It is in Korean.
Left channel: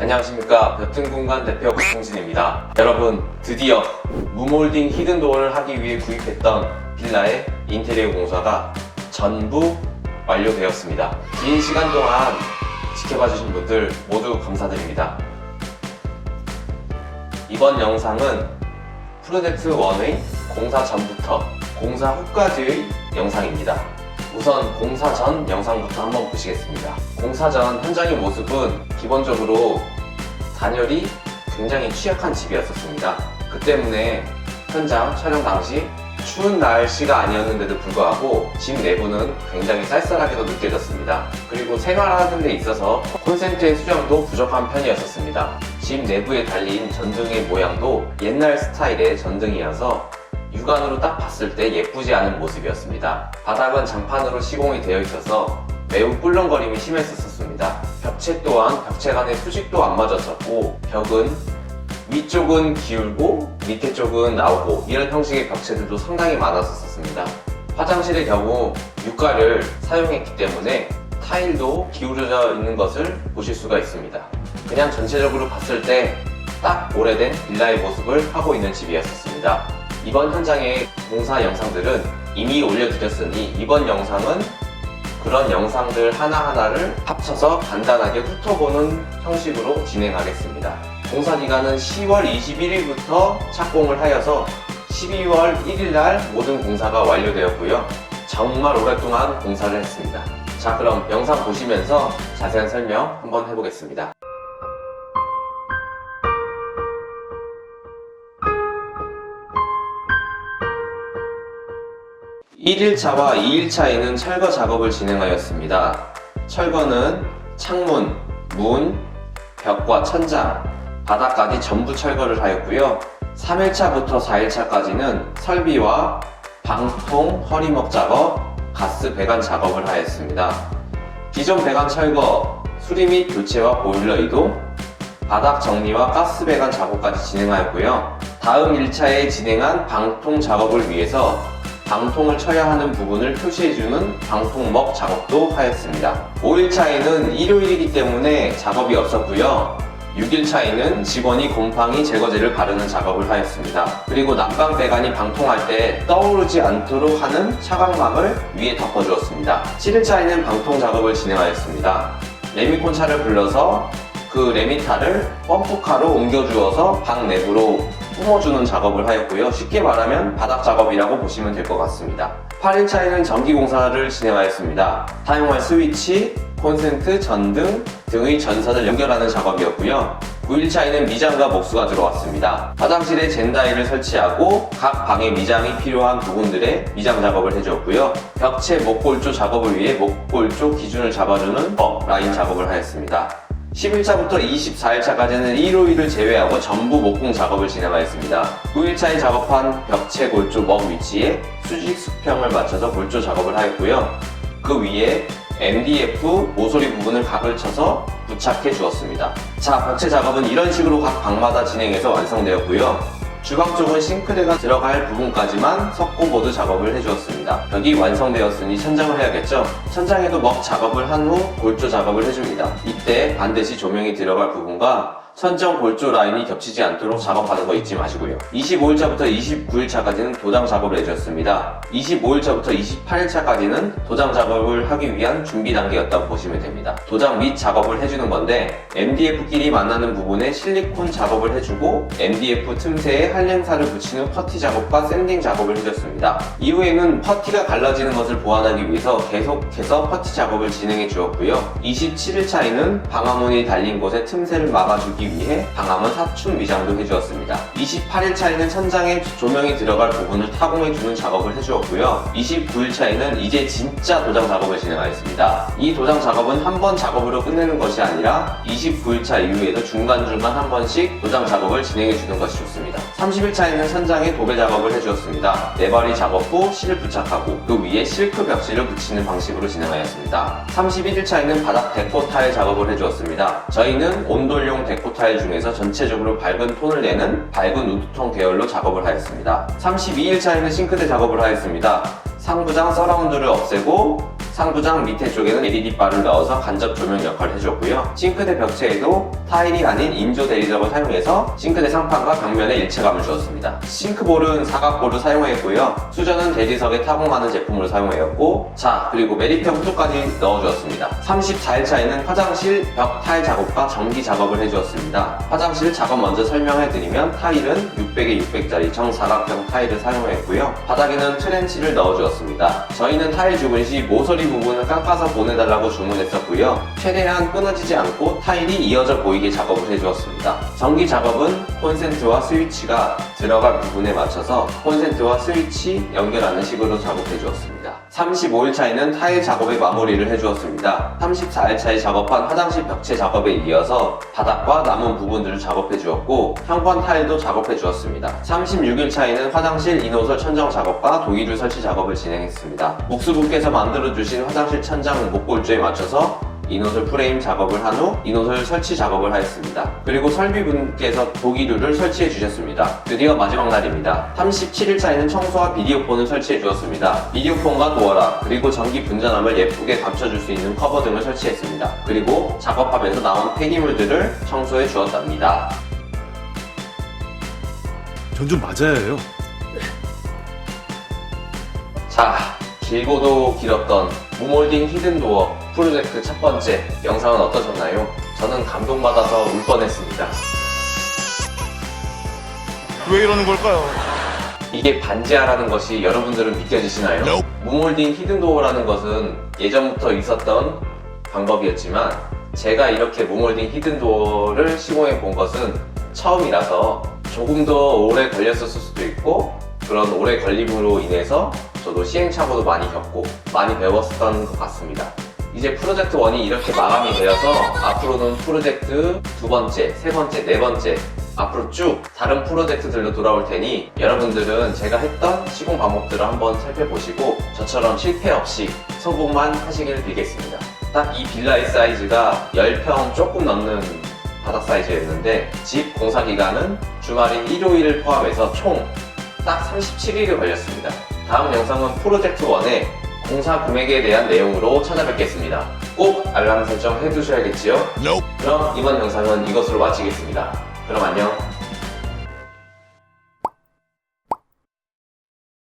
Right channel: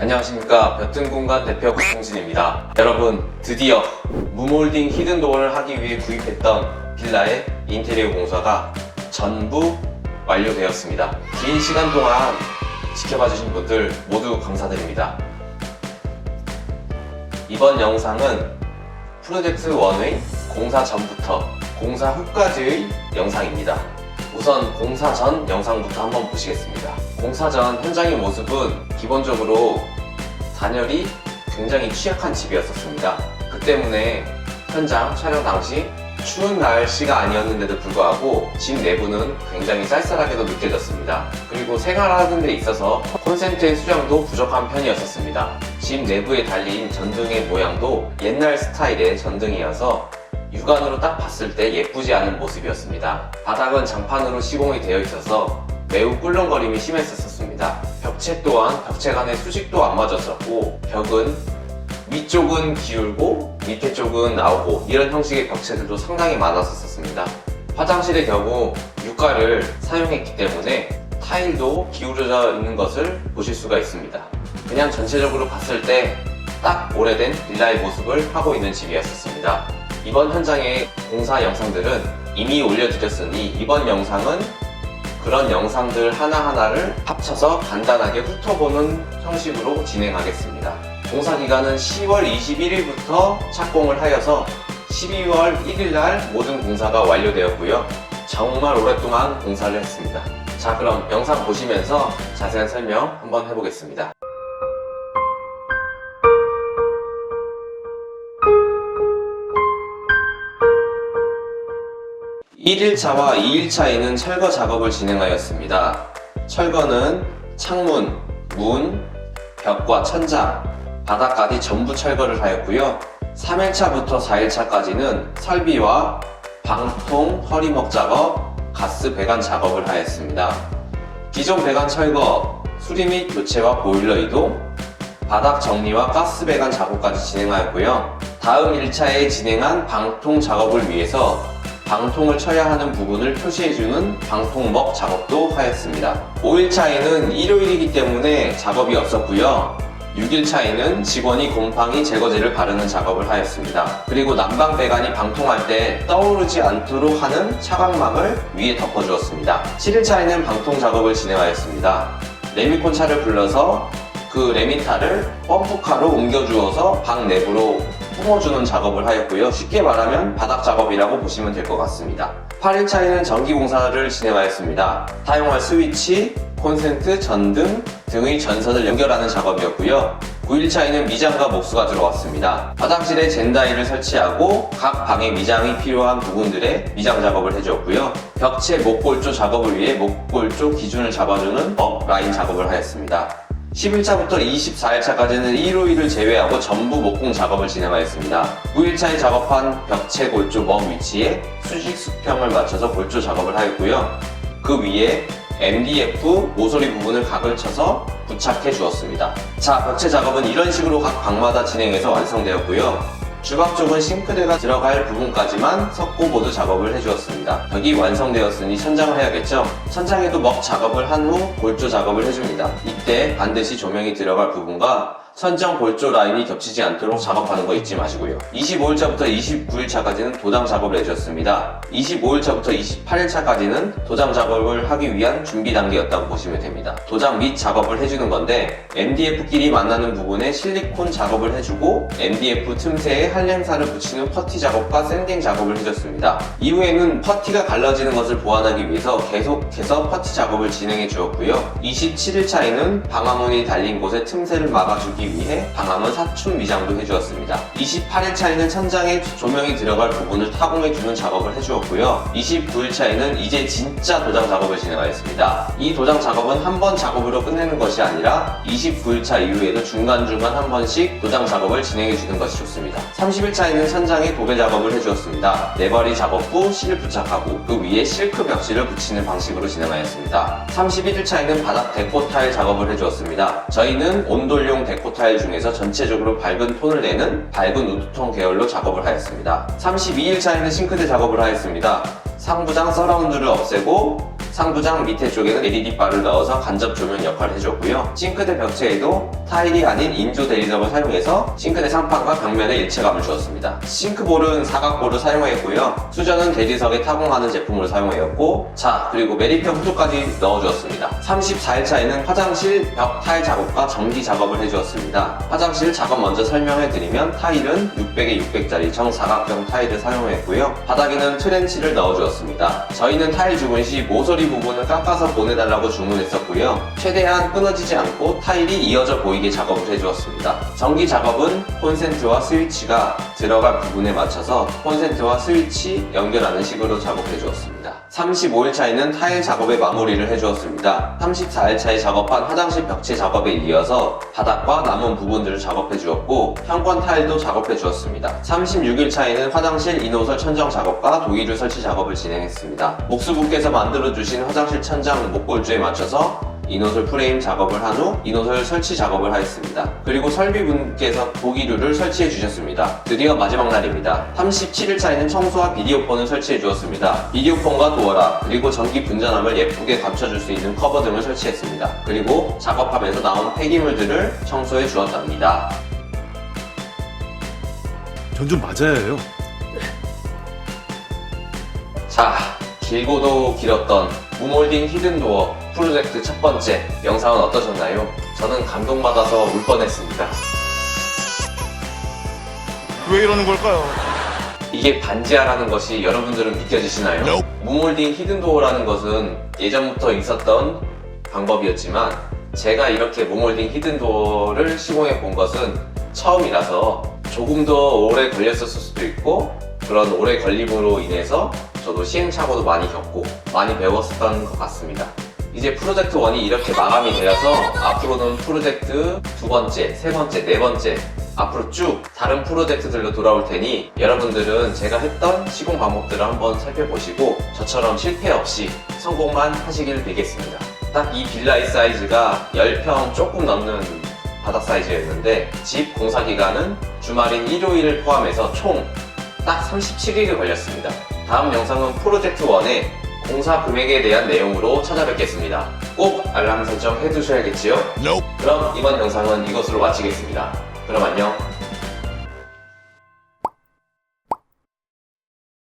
안녕하십니까, 볕든공간 대표 박홍진입니다. 여러분, 드디어 무몰딩 히든도어를 하기 위해 구입했던 빌라의 인테리어 공사가 전부 완료되었습니다. 긴 시간 동안 지켜봐주신 분들 모두 감사드립니다. 이번 영상은 프로젝트 1의 공사 전부터 공사 후까지의 영상입니다. 우선 공사 전 영상부터 한번 보시겠습니다. 공사 전 현장의 모습은 기본적으로 단열이 굉장히 취약한 집이었습니다. 그 때문에 현장 촬영 당시 추운 날씨가 아니었는데도 불구하고 집 내부는 굉장히 쌀쌀하게도 느껴졌습니다. 그리고 생활하는 데 있어서 콘센트의 수량도 부족한 편이었습니다. 집 내부에 달린 전등의 모양도 옛날 스타일의 전등이어서 육안으로 딱 봤을 때 예쁘지 않은 모습이었습니다. 바닥은 장판으로 시공이 되어 있어서 매우 꿀렁거림이 심했었습니다. 벽체 또한 벽체 간의 수직도 안 맞았었고, 벽은 위쪽은 기울고 밑에 쪽은 나오고 이런 형식의 벽체들도 상당히 많았었습니다. 화장실의 경우 유가를 사용했기 때문에 타일도 기울어져 있는 것을 보실 수가 있습니다. 그냥 전체적으로 봤을 때 딱 오래된 빌라의 모습을 하고 있는 집이었습니다. 이번 현장의 공사 영상들은 이미 올려드렸으니 이번 영상은 그런 영상들 하나하나를 합쳐서 간단하게 훑어보는 형식으로 진행하겠습니다. 공사 기간은 10월 21일부터 착공을 하여서 12월 1일날 모든 공사가 완료되었고요. 정말 오랫동안 공사를 했습니다. 자, 그럼 영상 보시면서 자세한 설명 한번 해보겠습니다. 1일차와 2일차에는 철거 작업을 진행하였습니다. 철거는 창문, 문, 벽과 천장, 바닥까지 전부 철거를 하였고요. 3일차부터 4일차까지는 설비와 방통, 허리목 작업, 가스 배관 작업을 하였습니다. 기존 배관 철거, 수리 및 교체와 보일러 이동, 바닥 정리와 가스 배관 작업까지 진행하였고요. 다음 1차에 진행한 방통 작업을 위해서 방통을 쳐야 하는 부분을 표시해주는 방통목 작업도 하였습니다. 5일차에는 일요일이기 때문에 작업이 없었고요. 6일차에는 직원이 곰팡이 제거제를 바르는 작업을 하였습니다. 그리고 난방 배관이 방통할 때 떠오르지 않도록 하는 차광막을 위에 덮어주었습니다. 7일차에는 방통 작업을 진행하였습니다. 레미콘차를 불러서 그 레미타를 펌프카로 옮겨주어서 방 내부로 품어주는 작업을 하였고요. 쉽게 말하면 바닥 작업이라고 보시면 될 것 같습니다. 8일차에는 전기공사를 진행하였습니다. 사용할 스위치, 콘센트, 전등 등의 전선을 연결하는 작업이었고요. 9일차에는 미장과 목수가 들어왔습니다. 화장실에 젠다이를 설치하고 각 방에 미장이 필요한 부분들의 미장 작업을 해주었고요. 벽체 목골조 작업을 위해 목골조 기준을 잡아주는 업 라인 작업을 하였습니다. 10일차부터 24일차까지는 일요일을 제외하고 전부 목공 작업을 진행하였습니다. 9일차에 작업한 벽체 골조 멍 위치에 수직 수평을 맞춰서 골조 작업을 하였고요. 그 위에 MDF 모서리 부분을 각을 쳐서 부착해 주었습니다. 자, 벽체 작업은 이런 식으로 각 방마다 진행해서 완성되었고요. 주방 쪽은 싱크대가 들어갈 부분까지만 석고보드 작업을 해주었습니다. 벽이 완성되었으니 천장을 해야겠죠? 천장에도 먹 작업을 한 후 골조 작업을 해줍니다. 이때 반드시 조명이 들어갈 부분과 선정 골조 라인이 겹치지 않도록 작업하는 거 잊지 마시고요. 25일차부터 29일차까지는 도장 작업을 해주었습니다. 25일차부터 28일차까지는 도장 작업을 하기 위한 준비 단계였다고 보시면 됩니다. 도장 및 작업을 해주는 건데 MDF끼리 만나는 부분에 실리콘 작업을 해주고 MDF 틈새에 한랭사를 붙인 후 퍼티 작업과 샌딩 작업을 해줬습니다. 이후에는 퍼티가 갈라지는 것을 보완하기 위해서 계속해서 퍼티 작업을 진행해 주었고요. 27일차에는 방화문이 달린 곳에 틈새를 막아주기 위해 방화문 사춘 미장도 해주었습니다. 28일차에는 천장에 조명이 들어갈 부분을 타공해주는 작업을 해주었고요. 29일차에는 이제 진짜 도장 작업을 진행하였습니다. 이 도장 작업은 한 번 작업으로 끝내는 것이 아니라 29일차 이후에도 중간중간 한 번씩 도장 작업을 진행해주는 것이 좋습니다. 30일차에는 천장에 도배 작업을 해주었습니다. 네바리 작업 후 실 부착하고 그 위에 실크 벽지를 붙이는 방식으로 진행하였습니다. 31일차에는 바닥 데코 타일 작업을 해주었습니다. 저희는 온돌용 데코 타일 중에서 전체적으로 밝은 톤을 내는 밝은 우드톤 계열로 작업을 하였습니다. 32일차에는 싱크대 작업을 하였습니다. 상부장 서라운드를 없애고 상부장 밑에 쪽에는 LED바를 넣어서 간접 조명 역할을 해줬고요. 싱크대 벽체에도 타일이 아닌 인조 대리석을 사용해서 싱크대 상판과 벽면에 일체감을 주었습니다. 싱크볼은 사각볼을 사용했고요. 수전은 대리석에 타공하는 제품을 사용하였고, 자, 그리고 매립형 호조까지 넣어주었습니다. 34일차에는 화장실 벽 타일 작업과 전기 작업을 해주었습니다. 화장실 작업 먼저 설명해드리면 타일은 600에 600짜리 정사각형 타일을 사용했고요. 바닥에는 트렌치를 넣어주었습니다. 저희는 타일 주문 시 모서리 부분을 깎아서 보내달라고 주문했었고요. 최대한 끊어지지 않고 타일이 이어져 보이게 작업을 해주었습니다. 전기 작업은 콘센트와 스위치가 들어갈 부분에 맞춰서 콘센트와 스위치 연결하는 식으로 작업해 주었습니다. 35일차에는 타일 작업에 마무리를 해주었습니다. 34일차에 작업한 화장실 벽체 작업에 이어서 바닥과 남은 부분들을 작업해 주었고, 현관 타일도 작업해 주었습니다. 36일차에는 화장실 인호설 천정 작업과 도의류 설치 작업을 진행했습니다. 목수분께서 만들어주신 화장실 천장 목골주에 맞춰서 인호설 프레임 작업을 한 후 인호설 설치 작업을 하였습니다. 그리고 설비분께서 도기류를 설치해 주셨습니다. 드디어 마지막 날입니다. 37일차에는 청소와 비디오폰을 설치해 주었습니다. 비디오폰과 도어락, 그리고 전기 분전압을 예쁘게 감춰줄 수 있는 커버 등을 설치했습니다. 그리고 작업하면서 나온 폐기물들을 청소해 주었답니다. 전 좀 맞아야 해요. 자, 길고도 길었던 무몰딩 히든도어 프로젝트 첫 번째 영상은 어떠셨나요? 저는 감동받아서 울 뻔했습니다. 왜 이러는 걸까요? 이게 반지하라는 것이 여러분들은 믿겨지시나요? 무몰딩 히든도어라는 것은 예전부터 있었던 방법이었지만, 제가 이렇게 무몰딩 히든도어를 시공해 본 것은 처음이라서 조금 더 오래 걸렸을 수도 있고, 그런 오래 걸림으로 인해서 저도 시행착오도 많이 겪고 많이 배웠었던 것 같습니다. 이제 프로젝트 1이 이렇게 마감이 되어서 앞으로는 프로젝트 2번째, 3번째, 4번째 앞으로 쭉 다른 프로젝트들로 돌아올 테니, 여러분들은 제가 했던 시공 방법들을 한번 살펴보시고 저처럼 실패 없이 성공만 하시길 빌겠습니다. 딱 이 빌라의 사이즈가 10평 조금 넘는 바닥 사이즈였는데, 집 공사 기간은 주말인 일요일을 포함해서 총 딱 37일이 걸렸습니다. 다음 영상은 프로젝트 1의 공사 금액에 대한 내용으로 찾아뵙겠습니다. 꼭 알람 설정 해두셔야겠지요? 그럼 이번 영상은 이것으로 마치겠습니다. 그럼 안녕.